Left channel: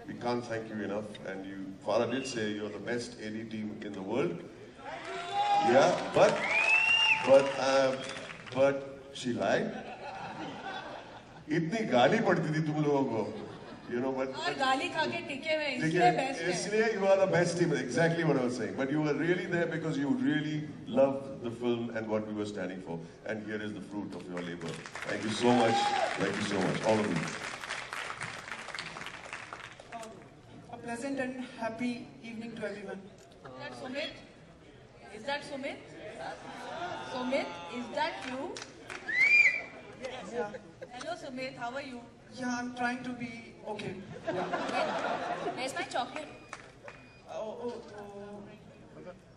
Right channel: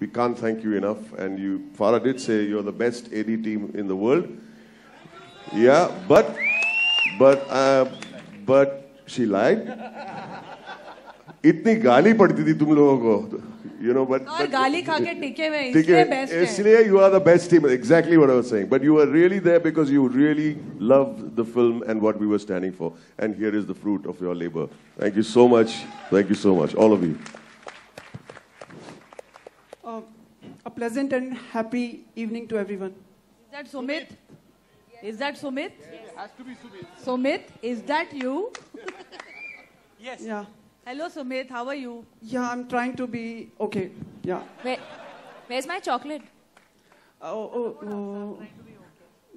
We can't thank you enough. And you, Farah did say you're the best AD team in the world. Yeah, but she lied. इतनी गाली पड़ती थी तुम लोगों को, you know, but गाली खा के टिके हुए इसलिए बेस्ट है. इसलिए you are the best team. Exactly what I was saying. But you were really there because you really loved the film and what we were standing for. And here is the fruit of your labor. Thank you so much. Thank you so much, all of you. A pleasant and happy evening to everyone. Is that Sumit? Is that Sumit? Sumit, is that you? Yes. Yeah. Hello Sumit, how are you? Yeah, I'm trying to be okay. Yeah. Where's my chocolate?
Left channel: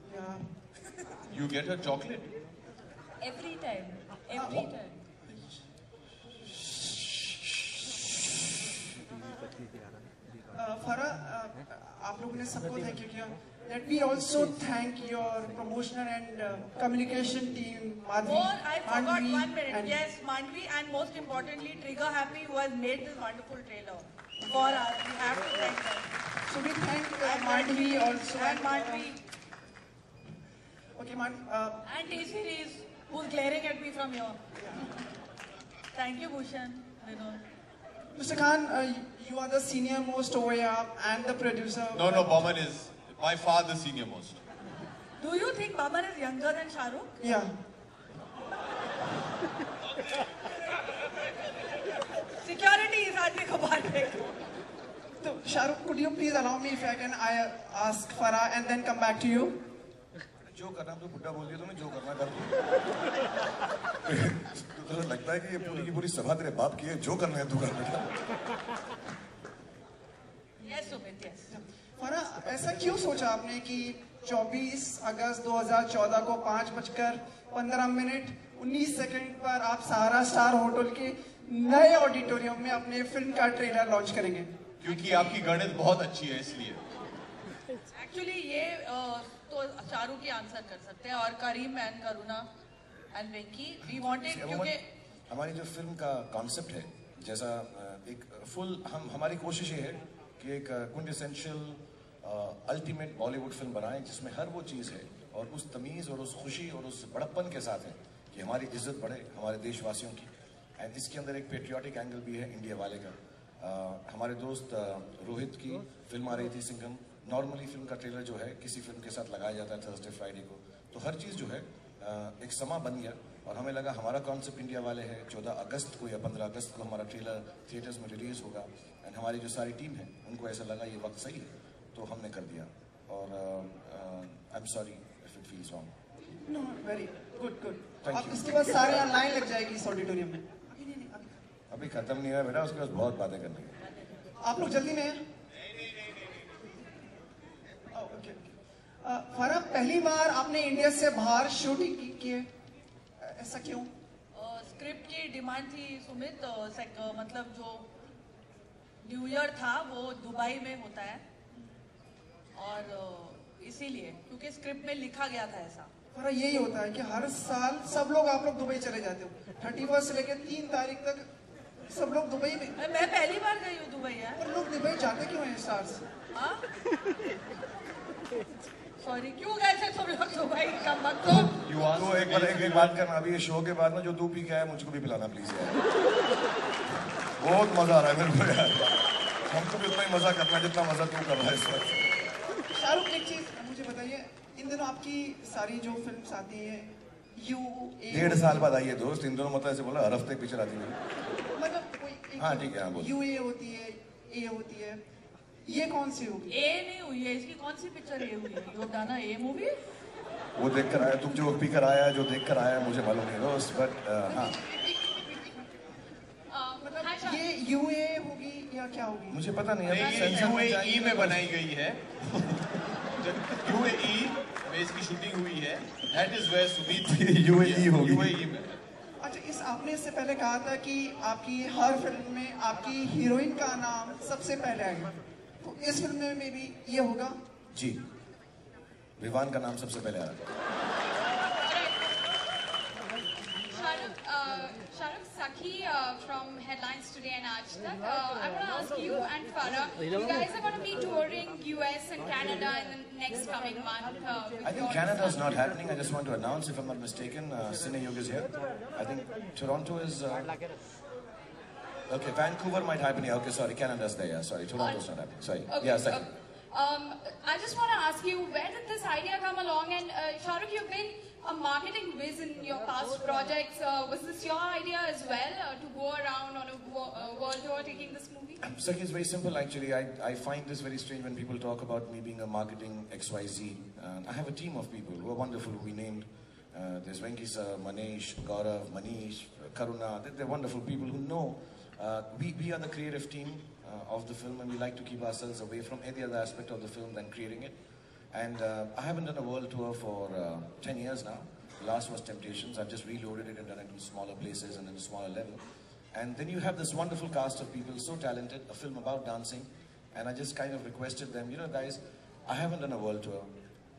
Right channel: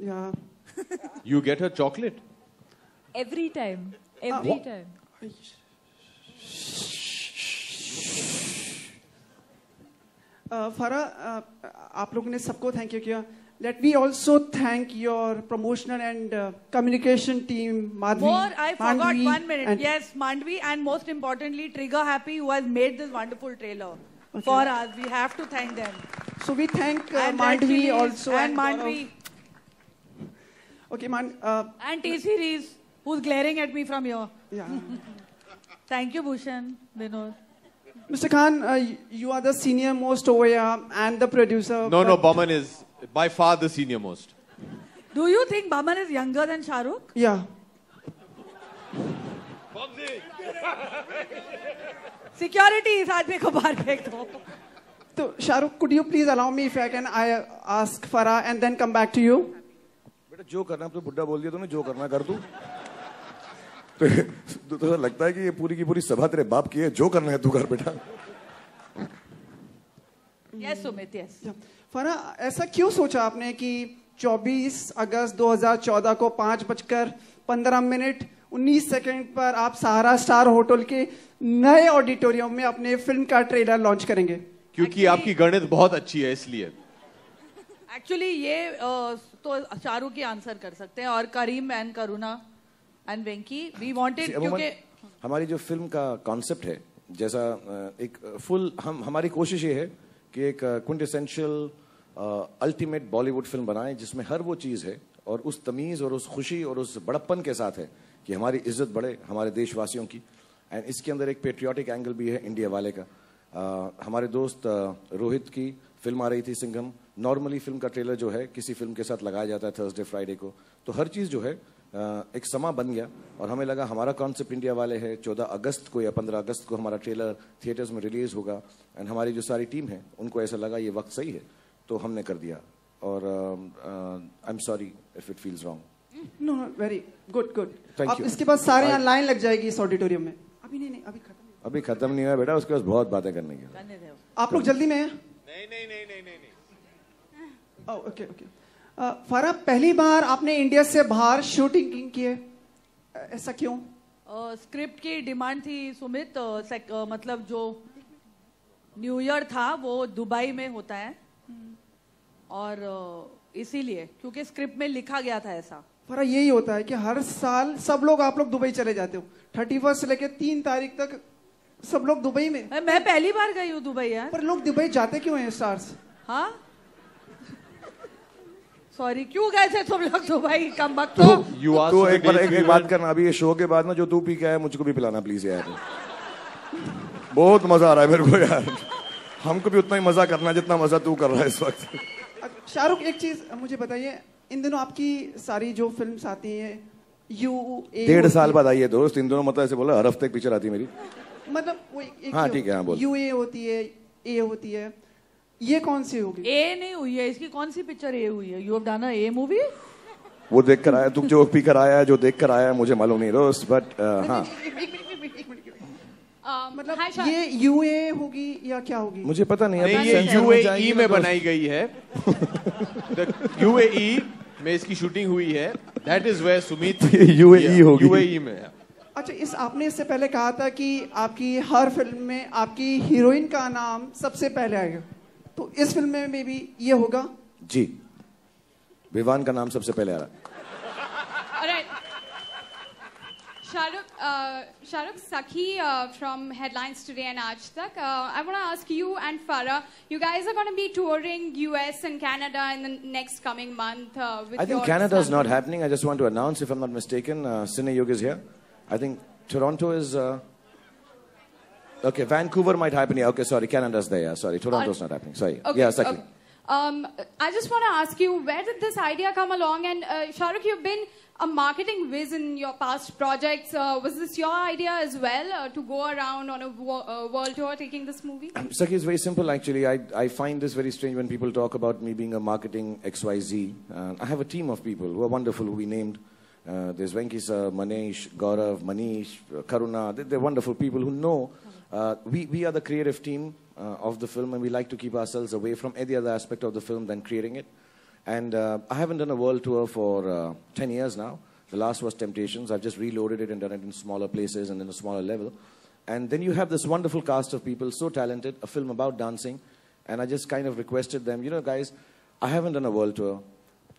Yeah. You get her chocolate? Every time. Every time. Farah, आप लोगों ने सबको thank you किया. Let me also thank your promotional and communication team, Madhvi. I forgot 1 minute. Yes, Mandvi, and most importantly, Trigger Happy, who has made this wonderful trailer for us. We have to thank them. So we thank Mandvi also. And Mandvi. Okay, and T-Series, who's glaring at me from here. Yeah. Thank you, Bhushan, Vinod. Mr. Khan, you are the senior most over here and the producer. No, Boman is by far the senior most. Do you think Boman is younger than Shah Rukh? Yeah. Security is आदमी को बाहर फेंक दो. So, Shah Rukh, could you please allow me if I can ask Farah and then come back to you? बेटा जो करना है तो बुड्ढा बोल दिया तुमने जो करना कर तू. तो लगता है कि ये पूरी की पूरी सभा तेरे बाप की है. जो करना है तू कर बेटा. Yes, Sumit, yes. फरा, ऐसा क्यों सोचा आपने कि 24 अगस्त 2014 को 5:15 19 सेकंड पर आप सहारा स्टार होटल के नए ऑडिटोरियम में अपने फिल्म का ट्रेलर लॉन्च करेंगे? क्योंकि आपकी गणित बहुत अच्छी है इसलिए. एक्चुअली ये तो शाहरुख की आंसर कर सकते हैं और Karim and Karuna and Venky we wanted क्योंकि हमारी जो फिल्म का कॉन्सेप्ट है जैसा एक फुल हमारी कोशिश ये है कि एक क्विंटेसेंशियल अल्टीमेट बॉलीवुड फिल्म बनाएं जिसमें हर वो चीज़ है और उस तमीज़ और उस खुशी और उस बड़प्पन के साथ है कि हमारी इज्जत बढ़े हमारे देशवासियों की. एंड इसके अंदर एक पेट्रियाटिक एंगल भी है इंडिया वाले का. हमारे दोस्त रोहित की फिल्म आ रही थी सिंघम. नॉर्मली फिल्म का ट्रेलर जो है किसी फिल्म के साथ लगाया जाता है थर्सडे फ्राइडे को. तो हर चीज़ जो है एक समा बन गया और हमें लगा हमारा कॉन्सेप्ट इंडिया वाले है. 14 अगस्त को या 15 अगस्त को हमारा ट्रेलर थिएटर्स में रिलीज़ होगा. एंड हमारी जो सारी टीम है उनको ऐसा लगा ये वक्त सही है तो हमने कर दिया. और I am sorry if it feels wrong. No, very good. Thank अब you. इसके बाद सारे लाइन लग जाएगी इस ऑडिटोरियम में. अभी खत्म नहीं हुआ बेटा. उसके बाद बहुत बातें करनी है. आप लोग जल्दी में हैं? नहीं. ओके. फरा, पहली बार आपने इंडिया से बाहर शूटिंग की है, ऐसा क्यों? स्क्रिप्ट की डिमांड थी सुमित. मतलब जो न्यू ईयर था वो दुबई में होता है और इसीलिए क्योंकि स्क्रिप्ट में लिखा गया था ऐसा. फरा, यही होता है कि हर साल सब लोग आप लोग दुबई चले जाते हो. 31 से लेकर 3 तारीख तक सब लोग दुबई में. मैं पहली बार गई हूँ दुबई यार. पर लोग दुबई जाते क्यों हैं स्टार्स? हाँ सॉरी, क्यों गए थे तुम लोग दुबई? कम वक्त तो एक बात करना. अभी ये शो के बाद में जो तू पी के आया मुझको भी पिलाना प्लीज यार. बहुत मजा आ रहा है मेरे को यार. हमको भी उतना ही मजा करना है जितना मजा तू कर रहा है इस वक्त. शाहरुख, एक चीज मुझे बताइए, इन दिनों आपकी सारी जो फिल्म्स आती हैं UA 1.5 साल बाद आई है दोस्त. इन दोनों मतलब ऐसे बोला हर हफ्ते एक पिक्चर आती है मेरी. मतलब हाँ ठीक है, बोल. UA होती है, A होती है, ये कौन सी होगी? ए नहीं हुई है. इसकी कौन सी पिक्चर ए हुई है? You have done a A movie? वो देख कर आया. तुम जो पी कर आया जो देख कर आया मुझे मालूम नहीं दोस्त. बट हाँ मतलब ये UA होगी या क्या होगी? मुझे पता नहीं. ये UAE में बनाई गई है. UAE में इसकी शूटिंग हुई है. That is where Sumit UAE होगी. UAE में. अच्छा, आपने इससे पहले कहा था कि आपकी हर फिल्म में आपकी हीरोइन का नाम सबसे पहले आएगा, तो इस फिल्म में भी ये होगा? जी, विवान का नाम सबसे पहले आ रहा है. Shahrukh Sakhi from Headlines Today and Aaj Tak. I want to ask you and Farah, you guys are going to be touring US and Canada in the next coming month. I think Canada is not happening. I just want to announce, if I'm not mistaken, Cine Yug is here. I think Toronto is... okay, Vancouver might happen here. Okay, sorry, Canada's there. Yeah, sorry, Toronto's not happening. Sorry. Okay, Yeah, Sakhi. I just want to ask you, where did this idea come along? And Shah Rukh, you've been a marketing whiz in your past projects. Was this your idea as well, to go around on a world tour taking this movie? Sakhi, it's very simple actually. I find this very strange when people talk about me being a marketing XYZ. I have a team of people who are wonderful, who we named. There's Venki sir, Manesh, Gaurav, Manish, Karuna. They're wonderful people who know we are the creative team of the film, and we like to keep ourselves away from any other aspect of the film than creating it. And I haven't done a world tour for 10 years now. The last was Temptations. I've just reloaded it and done it in smaller places and in a smaller level. And then you have this wonderful cast of people, so talented, a film about dancing. And I just kind of requested them, you know, guys, I haven't done a world tour.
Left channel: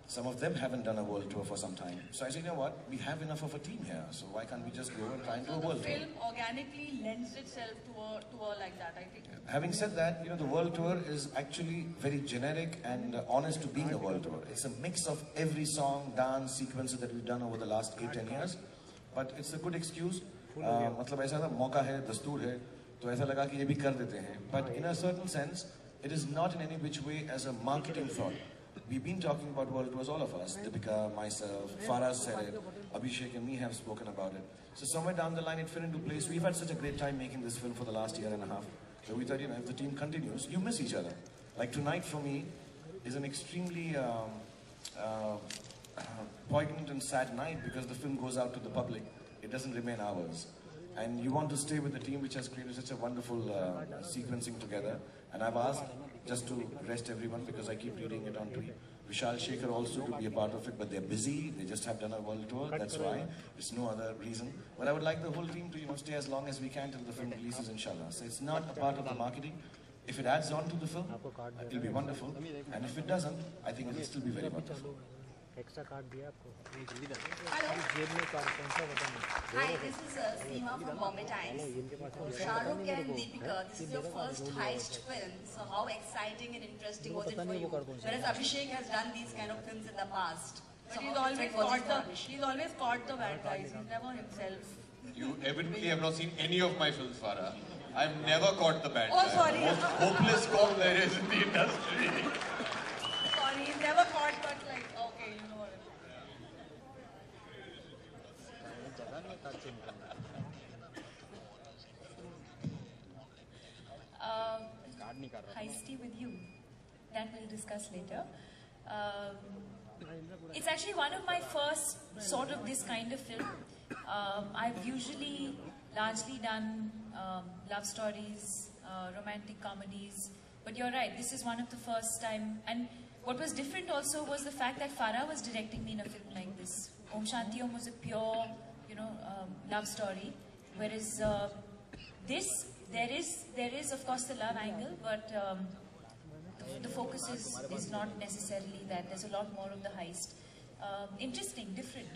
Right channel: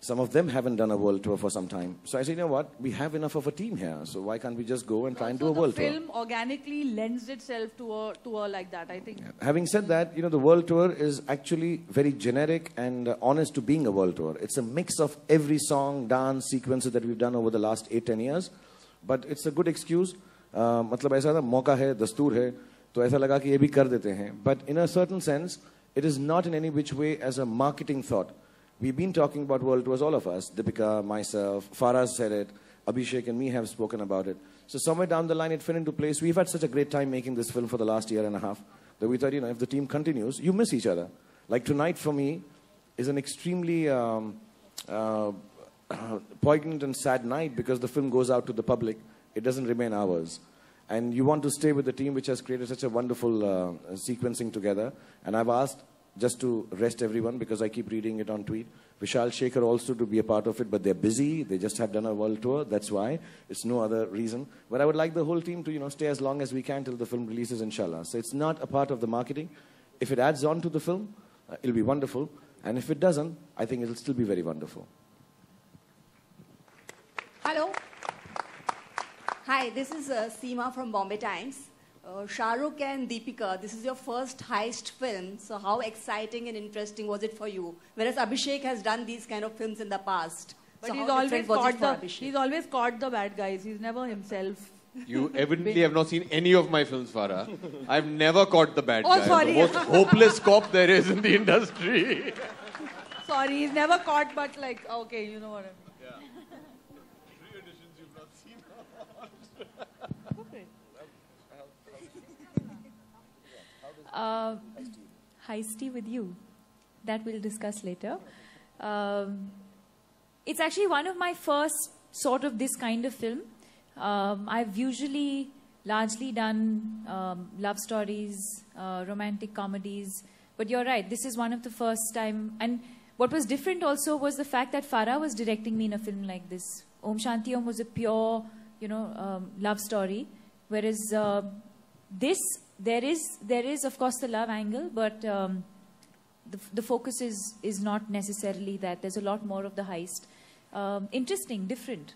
Some of them haven't done a world tour for some time. So I said, you know what, we have enough of a team here. So why can't we just go and try and do a world tour? The film organically lends itself to a tour like that, I think. Having said that, you know, the world tour is actually very generic and honest to being a world tour. It's a mix of every song, dance, sequences that we've done over the last 8-10 years. But it's a good excuse. मतलब ऐसा था, मौका है, दस्तूर है, तो ऐसा लगा कि ये भी कर देते हैं. But in a certain sense, it is not in any which way as a marketing thought. We've been talking about world tours, all of us. Deepika, myself, Farah said it, Abhishek and me have spoken about it. So somewhere down the line it fell into place. We've had such a great time making this film for the last year and a half that we thought, you know, if the team continues, you miss each other. Like tonight for me is an extremely poignant and sad night because the film goes out to the public. It doesn't remain ours. And you want to stay with the team which has created such a wonderful sequencing together. And I've asked just to rest everyone because I keep reading it on tweet. Vishal Shekhar also to be a part of it, but they're busy. They just have done a world tour. That's why. It's no other reason. But I would like the whole team to, you know, stay as long as we can till the film releases, inshallah. So it's not a part of the marketing. If it adds on to the film, it'll be wonderful. And if it doesn't, I think it'll still be very wonderful. Hello. Hi, this is Seema from Bombay Times. Shah Rukh and Deepika, this is your first heist film. So how exciting and interesting was it for you? Whereas Abhishek has done these kind of films in the past. But So he's how always different was it for caught Abhishek? he's always caught the bad guys. He's never himself. You evidently have not seen any of my films, Farah. I've never caught the bad Oh, guy. sorry. The most hopeless cop there is in the industry. Sorry, he's never caught, but like, okay, you know what I mean. Heisty with you. That we'll discuss later. It's actually one of my first sort of this kind of film. I've usually largely done love stories, romantic comedies, but you're right, this is one of the first time. And what was different also was the fact that Farah was directing me in a film like this. Om Shanti Om was a pure, you know, love story, whereas there is of course the love angle, but the focus is not necessarily that. There's a lot more of the heist. Interesting, different.